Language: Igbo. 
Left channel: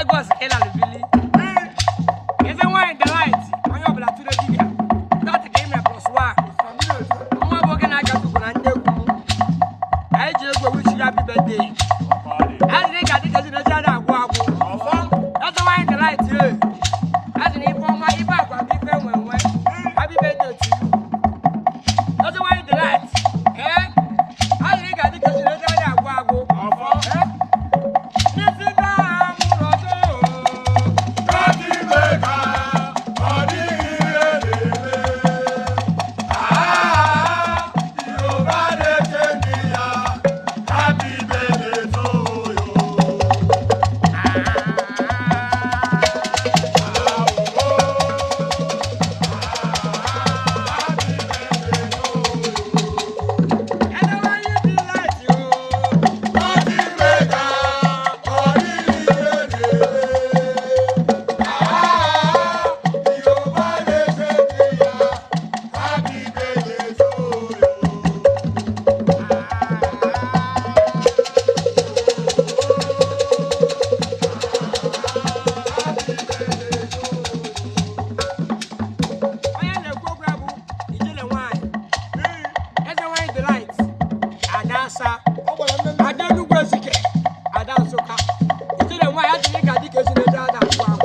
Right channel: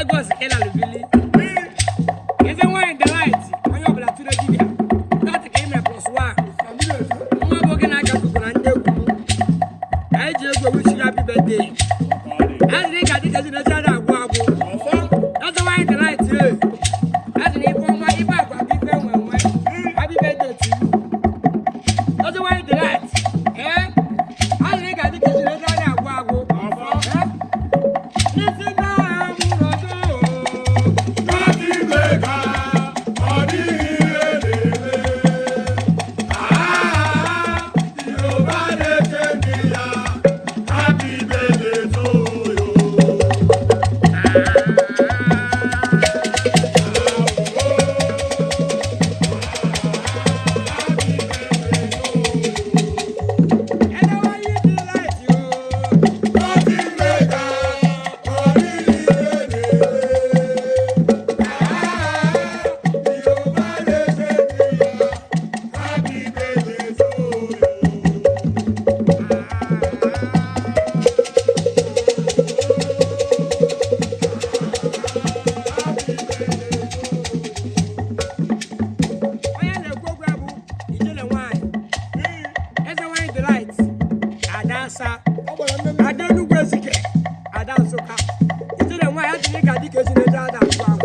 Egos ela lubili. Eze wine the light. Onye obula tire dibia. That came plus 1. Nwa boge na aka tuko na ndegwu. Ai ji egwu wish you happy birthday. As they got it as in the other agwo. That's wine the light. As in informa iba agwa bi fe wenwe. Happy birthday to you. That's wine the light. As they got it as in the other agwo. I don't know where she can. I don't so. It's the one I think I did because you know that.